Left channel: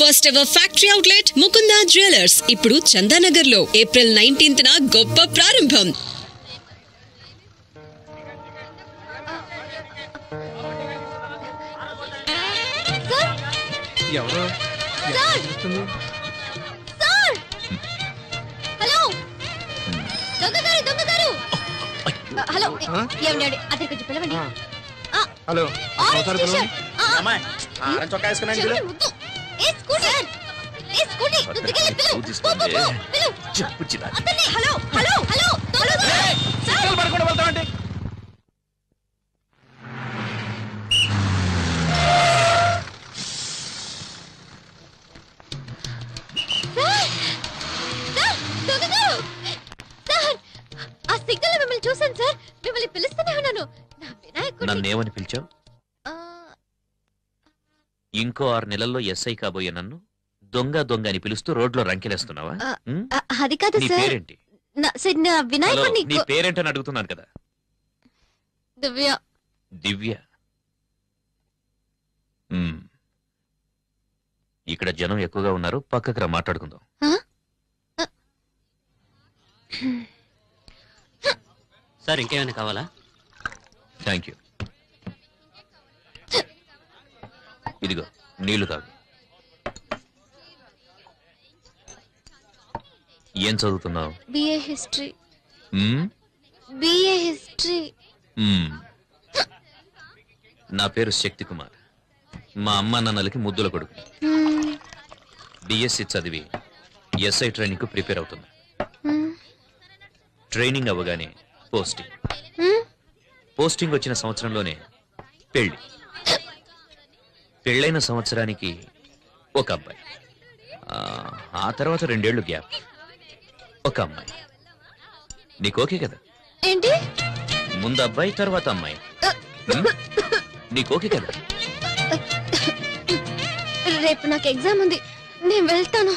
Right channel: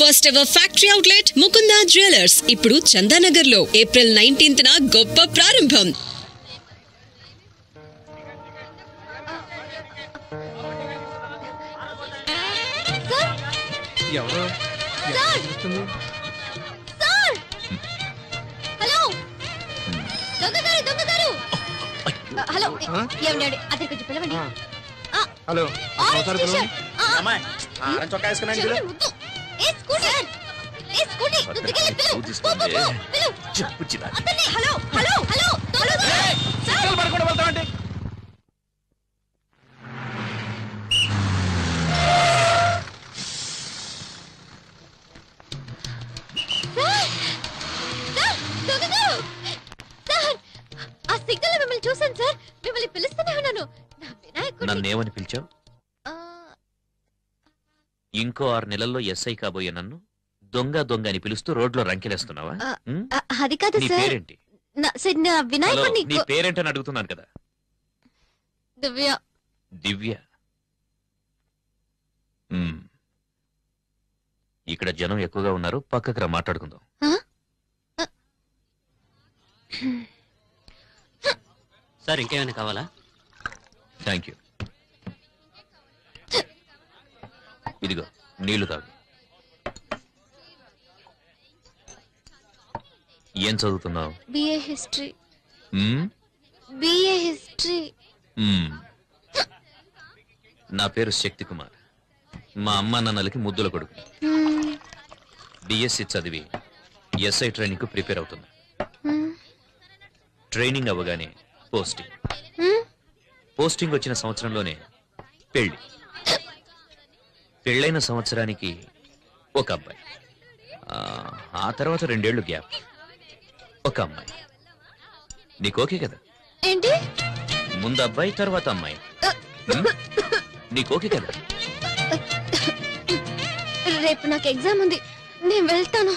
First ever factory outlet Mukunda jewellers ఇప్పుడు చందానగర్ లో April 19th గొప్ప ప్రారంభం. హలో చూసాను సార్, మిమ్మల్ని పిలుస్తూనే ఉన్నాను. నన్నేమని పిలిచావు? ఇంకో 6 నెలల్లో ఎస్ఐ కాబోయే నన్ను దొంగ దొంగ అని పిలుస్తూ రోడ్లో రంకెలేస్తున్నావా? అది కాదు నీ సార్. పేరేంటి? వినాయకుడిని. నీ పేరేంటని అడుగుతున్నాను కదా. దివ్య. దివ్య. ఇక్కడ జనం ఎక్కువగా ఉన్నారు, పక్కకు రా మాట్లాడుకుందాం. సార్ ఇంకేమైనా కావాలా? Thank you. ఇదిగో నీళ్లు తాగు. ఏం చదువుతున్నావు? BA history. BA history. నా పేరు శక్తి కుమార్. మా అమ్మ నాన్నలకి ముద్దుల కొడుకు. బిఎస్సి చదివి ఎస్ఐ ట్రైనింగ్ కు ప్రిపేర్ అవుతున్నా. ట్రైనింగ్ అవ్వగానే పోస్టింగ్ వచ్చిన సంవత్సరంలోనే పెళ్ళైన సంవత్సరానికి ఒక అబ్బాయి, ఆ తర్వాత 2 ఏళ్లు గ్యాప్, ఒక అమ్మాయి. నీకు ఓకే కదా? ఏంటి? ముందు అబ్బాయి తర్వాత అమ్మాయి. నీకు ఓకే కదా? రేపు నాకు ఎగ్జామ్ ఉంది, నేను వెళ్తాను.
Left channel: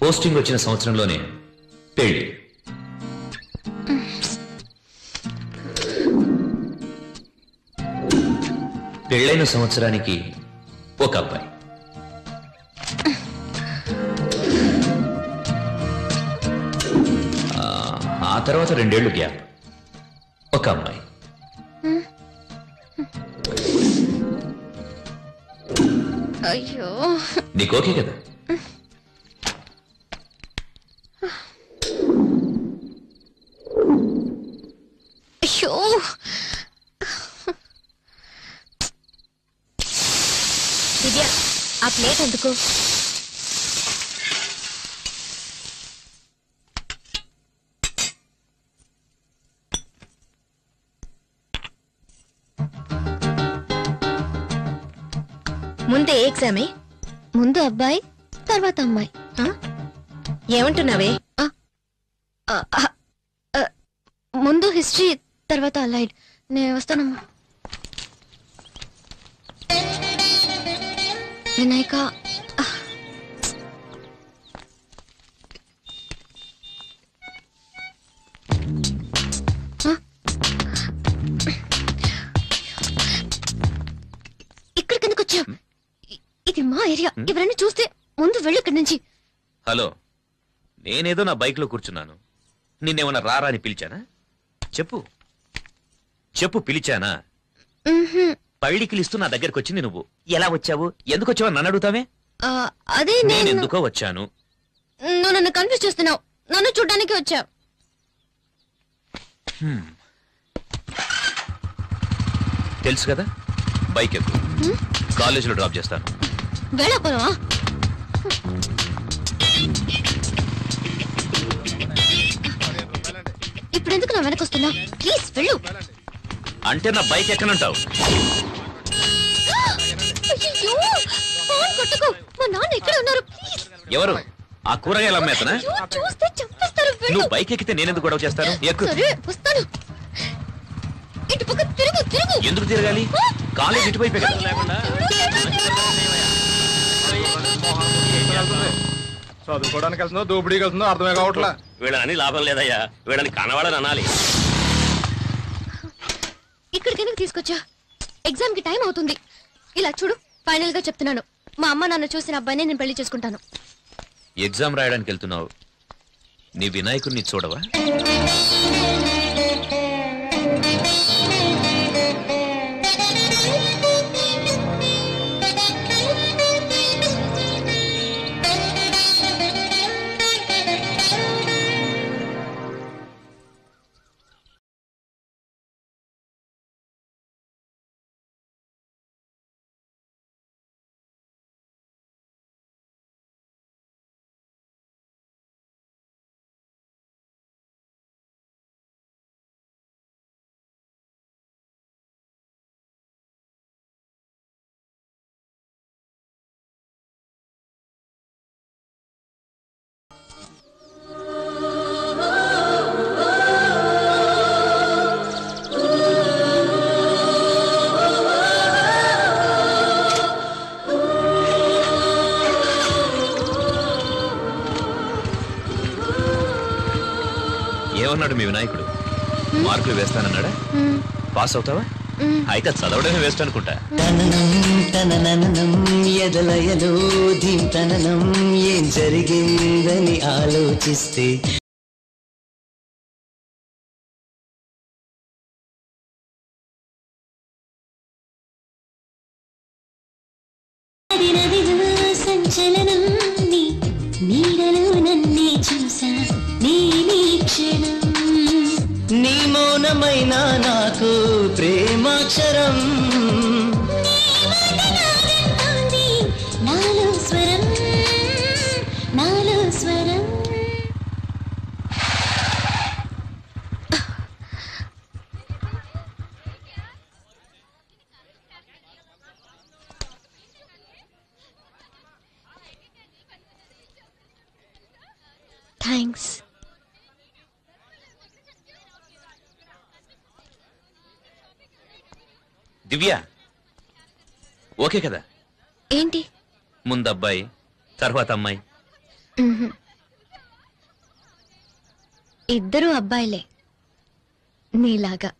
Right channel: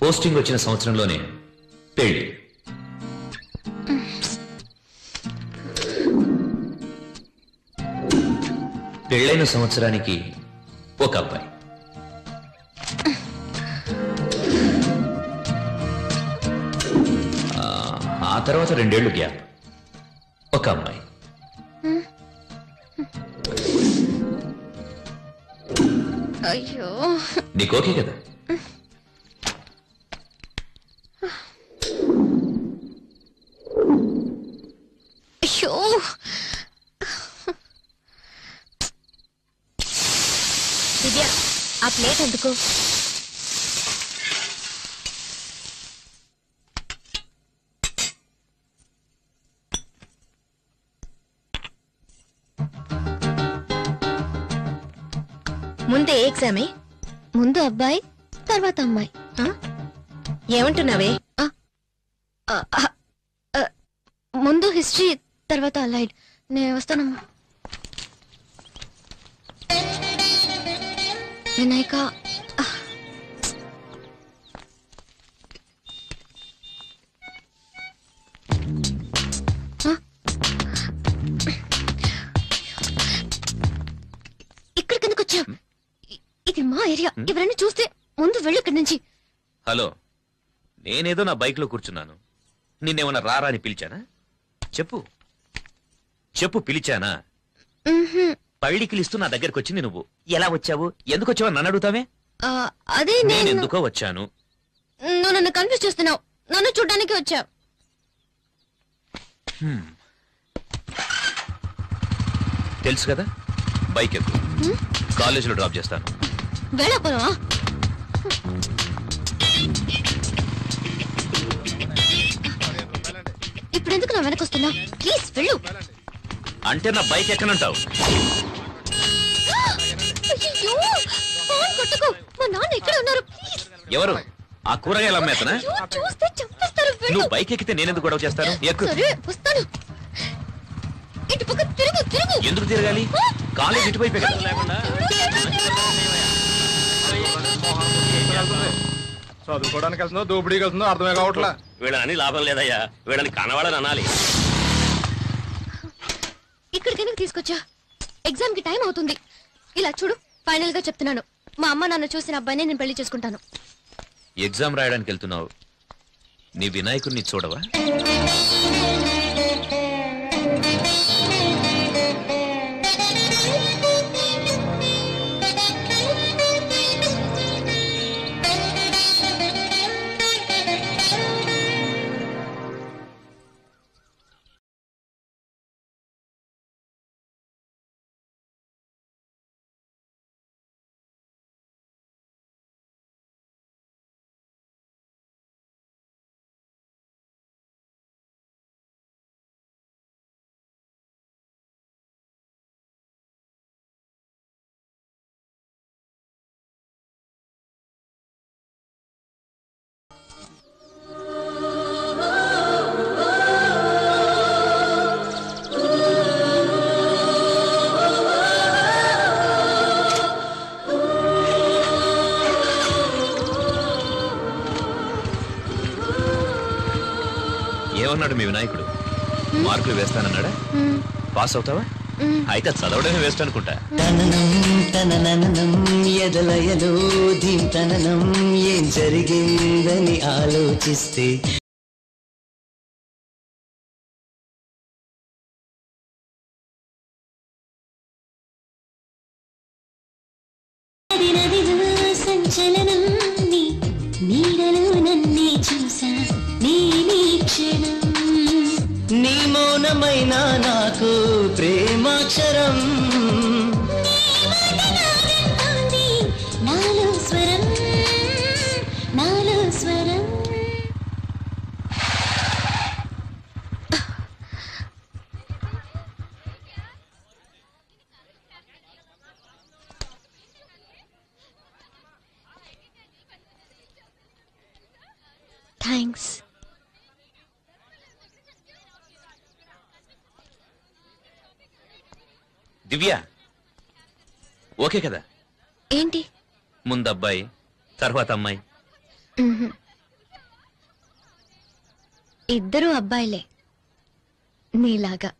పోస్టింగ్ వచ్చిన సంవత్సరంలోనే పెళ్లి. పెళ్ళైన సంవత్సరానికి ఒక అబ్బాయి, ఆ తర్వాత 2 ఏళ్లు గ్యాప్, ఒక అమ్మాయి. అయ్యో, నీకు ఓకే కదా? అయ్యో, దివ్య ఆ ప్లేట్ ఎందుకు? ముందే ఎగ్జామే? ముందు అబ్బాయి తర్వాత అమ్మాయి. ఏమంటున్నావే? ముందు హిస్టరీ తర్వాత అలైడ్. నేను వస్తానమ్మా. వినాయక, ఇక్కడికి ఎందుకు వచ్చా? ఇది మా ఏరియా. ఎవరైనా చూస్తే ముందు వెళ్ళు ఇక్కడి నుంచి. హలో, నేనేదో నా బైక్ లో కూర్చున్నాను, నిన్నేమన్నా రారా అని పిలిచానా? చెప్పు చెప్పు, పిలిచానా? పళ్ళికిలిస్తూ నా దగ్గరకు వచ్చింది నువ్వు. ఎలా వచ్చావు, ఎందుకు వచ్చావు నన్ను అడుగుతావే? అదే నేను ఎందుకో వచ్చాను. నువ్వు నన్ను కన్ఫ్యూజ్ చేస్తున్నావు. నన్ను చూడ్డానికి వచ్చా. తెలుసు కదా, బైక్ ఎక్కు, కాలేజీలో డ్రాప్ చేస్తాను. వెళ్ళకపోవా? ఇప్పుడు ఎందుకు నా వెనక వస్తున్నా? ప్లీజ్ వెళ్ళు. అంటే నా బైక్ ఎక్కనంటావు? మా నాన్న ఎక్కడ ఉన్నారు? ఎవరు? ఆ కూరగాయలు అమ్మేతనా? చూస్తే చంపేస్తారు. నువ్వు బైక్ ఎక్కితే నేనెందుకు గొడవ చేస్తాను? ఎక్కు. వస్తాను. ఇటు పక్క తిరుగు. ఎందుకు తిరగాలి? కాలేజ్ ఇటువైపే కదా. చదువుకోవడానికి వెళ్తుందో దోపిడీకి వెళ్తుందో అర్థమే కావట్లా. వీళ్ళని లాభం లేదయ్యా, వీళ్ళని కనవాడని అనాలి. ఇక్కడికైనా తీసుకొచ్చా. ఎగ్జామ్ కి టైం అవుతుంది. ఇలా చూడు, ఫైనల్ గా చెప్తున్నాను, మా అమ్మ నాన్న చూసిన అబ్బాయినే నేను పెళ్లి చేసుకుంటాను. ఎగ్జామ్ రాయడానికి వెళ్తున్నావు, నీ వినాయకుడిని చూడవా? ఏమన్నాడు మీ వినాయకుడు? మార్కులు వేస్తానన్నాడా? పాస్ అవుతావా? అయితే చదవడమే వేస్ట్ అనుకుంటా. ఎదలయలో ధీంతననం ఏం జరిగిందని ఆలోచిస్తే సంచలనం నీడలో నన్నే చూసా నీ మౌనమైన నాకు ప్రేమాక్షరం నాలో స్వరం నాలో స్వరం. థ్యాంక్స్. దివ్య, ఓకే కదా? ఏంటి? ముందు అబ్బాయి, తర్వాత అమ్మాయి. ఇద్దరు అబ్బాయిలే నీలాగా.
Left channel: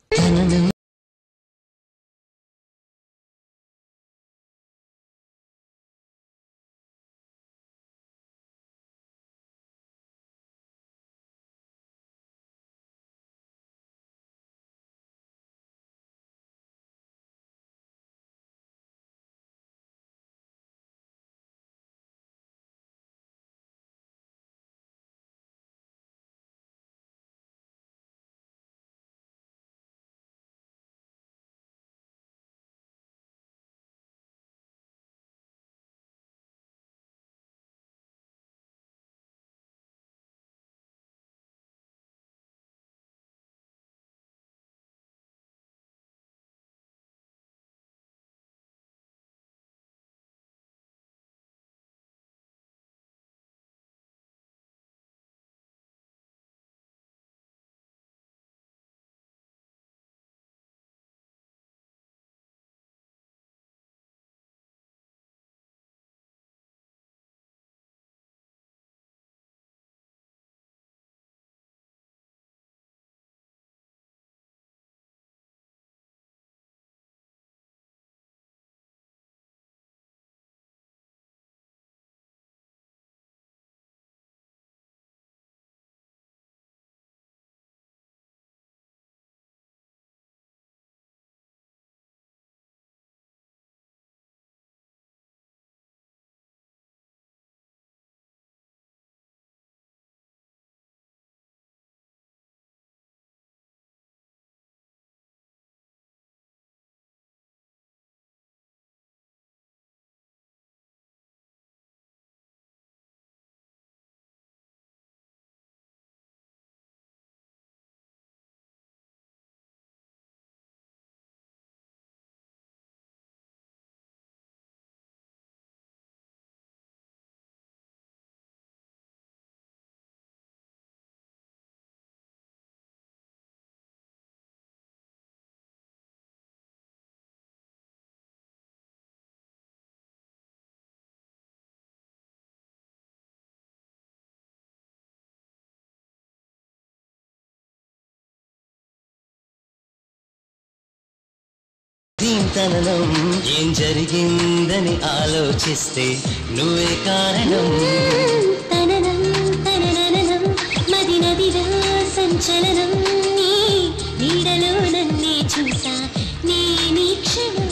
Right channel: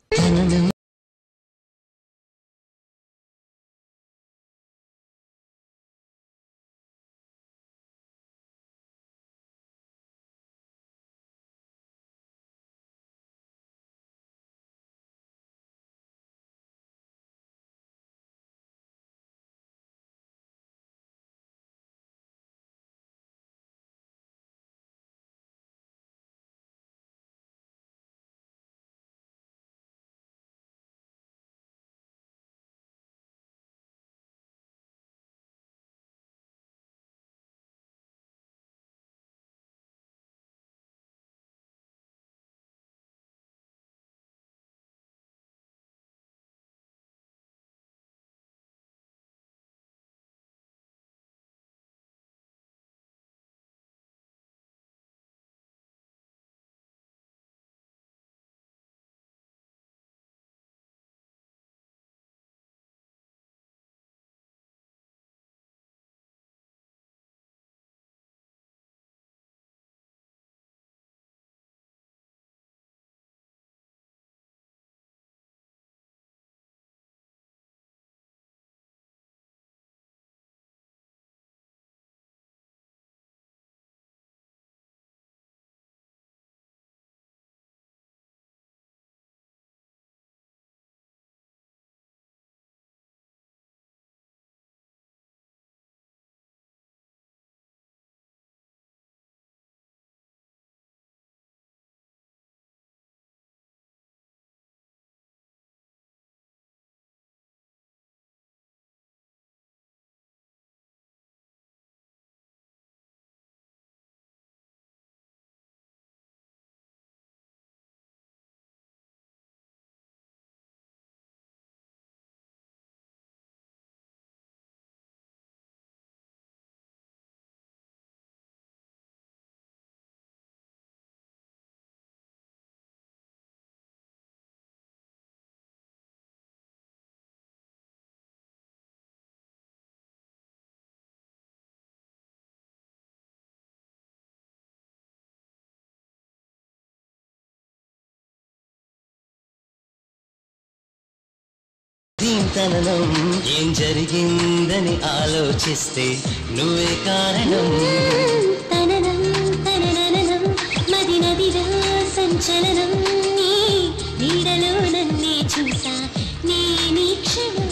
దీంతనం ఏం జరిగిందని ఆలోచిస్తే నువ్వే కారణం. తననం తనననం మది నదిలో సంచలనం నీడలో నన్నే చూసా నీ క్షణం.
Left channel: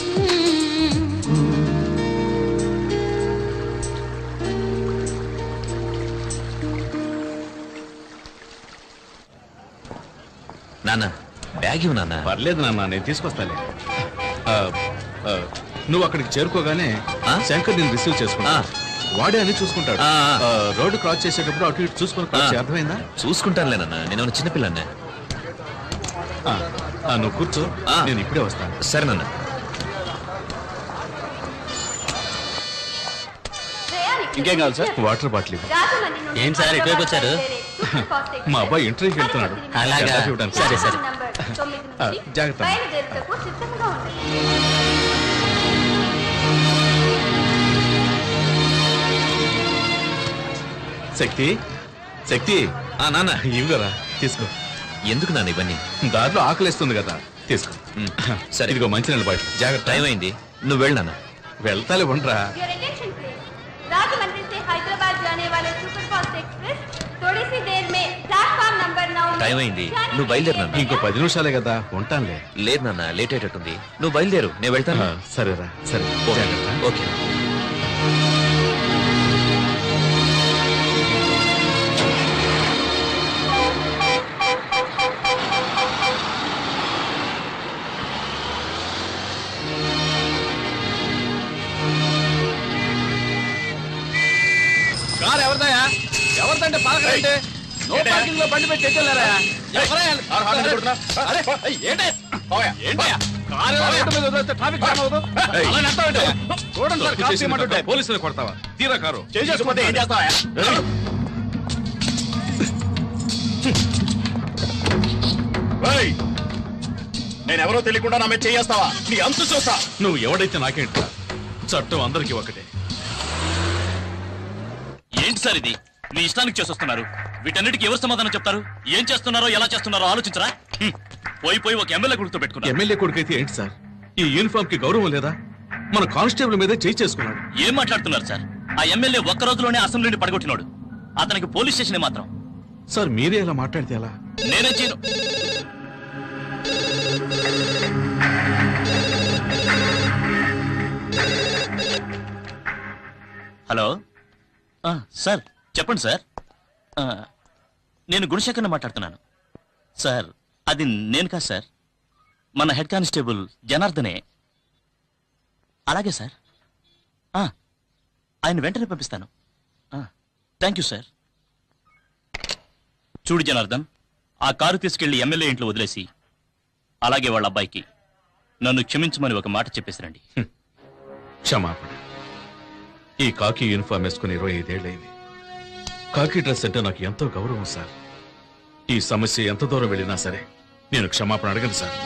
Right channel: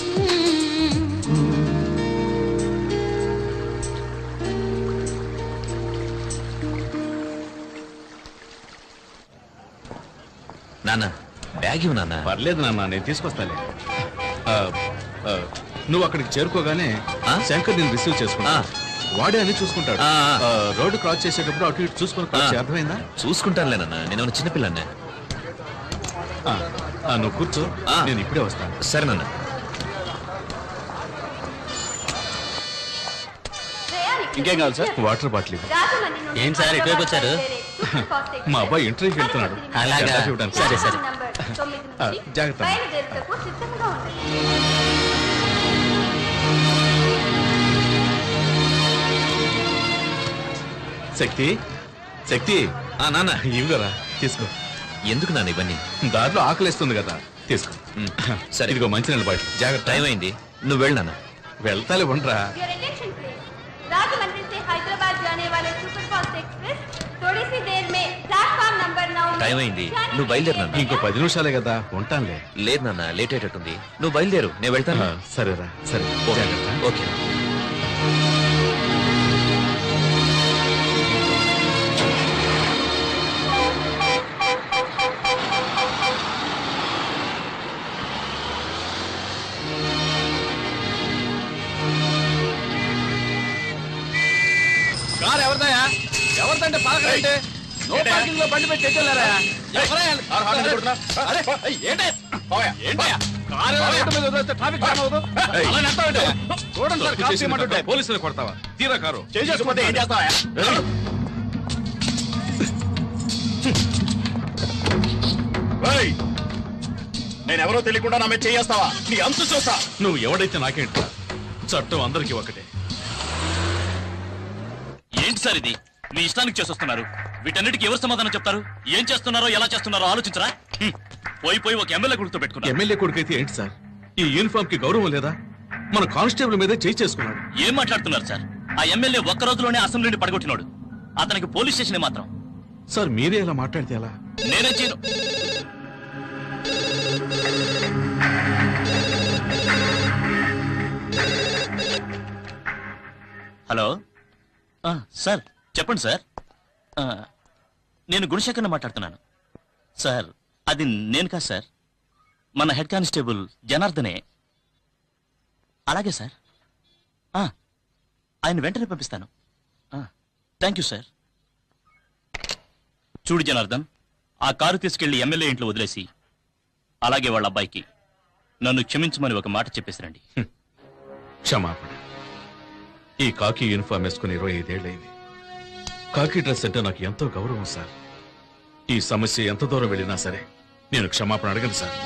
నాన్న బ్యాగ్ ఇవ్వు నాన్న. పర్లేదు నాన్న, నేను తీసుకొస్తాలే. నువ్వు అక్కడికి చేరుకోగానే శంకర్ నేను రిసీవ్ చేసుకున్నా. వాడే అని చూసుకుంటాడు. రోడ్డు క్రాస్ చేసేటప్పుడు అటు ఇటు చూసుకుని అర్థమైందా? చూసుకుంటానులే నాన్న, నేను చిన్నపిల్లనే. నువ్వు కూర్చో, నేను ఇప్పుడే వస్తాను. సరే నాన్న. ఇంకేం కావాలి సార్? Water bottle. ఏంటి సార్ ఇటువైపు వచ్చారు? మా అబ్బాయి ఇంటర్వ్యూకి వెళ్తున్నాడు. అలాగా, సరే సరే. జాగ్రత్త. శక్తి శక్తి నాన్న ఇవ్వరా, తీసుకో. ఎందుకు నాన్న ఇవన్నీ? దారిలో ఆకలిస్తుంది కదా, తీసుకో. సరే ఇదిగో మంచి నీళ్ళ బాటిల్. జాగ్రత్త. టైం అయింది, నువ్వు వెళ్ళు నాన్న. వెళ్తాలే, ఉండరా. టైం అయింది, నువ్వు బయలుదేరు నాన్న. ఇంకో 10 నిమిషాలే కదా, ఉంటానులే. లేదు నాన్న, లేట్ అయ్యేటట్టుంది. నువ్వు బయలుదేరు, నేను వెళ్తాను. సరేరా, సరే. జాగ్రత్త. ఓకే. కారు ఎవరిదయా? ఎవరిదంటే పాలకంటే బండి పెట్టి ఎట్టెళ్ళారా? పోలీసులు కొడతావా? తీరా కారు చేసుకుంటే ఏం చేస్తావా? నేనెవరో తెలియకుండా నా మీద చేయేస్తావా? నీ అంతు చూస్తా. నువ్వు ఎవడైతే నాకేంట, చట్టం అందరికీ ఒకటే. ఏంటి సార్ ఇది? మీ ఇష్టానికి చేసొస్తున్నారు. వీటన్నిటికీ ఎవరు సమాధానం చెప్తారు? ఏం చేస్తున్నారో ఎలా చేస్తున్నారో ఆలోచించరా? పోయి పోయి ఒక ఎమ్మెల్యే కొడుకుతో పెట్టుకున్నారు. ఎమ్మెల్యే కొడుకైతే ఏంటి సార్? ఈ యూనిఫామ్ కి గౌరవం లేదా? మన కానిస్టేబుల్ మీద చేయి చేసుకున్నాడు. ఏం మాట్లాడుతున్నారు సార్? ఆ ఎమ్మెల్యే ఒక్క రోజులోనే అసెంబ్లీని పడగొట్టినాడు. అతనికి పోలీస్ స్టేషన్ మాత్రం. సార్ మీరే ఇలా మాట్లాడితే ఎలా? నేనే చేయను. హలో సార్, చెప్పండి సార్. నేను గుణశేఖర్ని మాట్లాడుతున్నాను సార్. అది నేను కాదు సార్, మన హెడ్ కానిస్టేబుల్ జనార్దనే. అలాగే సార్, ఆయన వెంటనే పంపిస్తాను. Thank you sir. చూడు జనార్దన్, ఆ కారు తీసుకెళ్లి ఎమ్మెల్యే ఇంట్లో వదిలేసి అలాగే వాళ్ళ అబ్బాయికి నన్ను క్షమించమని ఒక మాట చెప్పేసిరండి. క్షమాపణ. ఈ కాకి యూనిఫామ్ వేసుకుని 25 ఏళ్ళైంది. కాకి డ్రెస్ అంటే నాకు ఎంతో గౌరవం సార్. ఈ సమస్య ఎంత దూరం వెళ్ళినా సరే నేను క్షమాపణ అడగను సార్.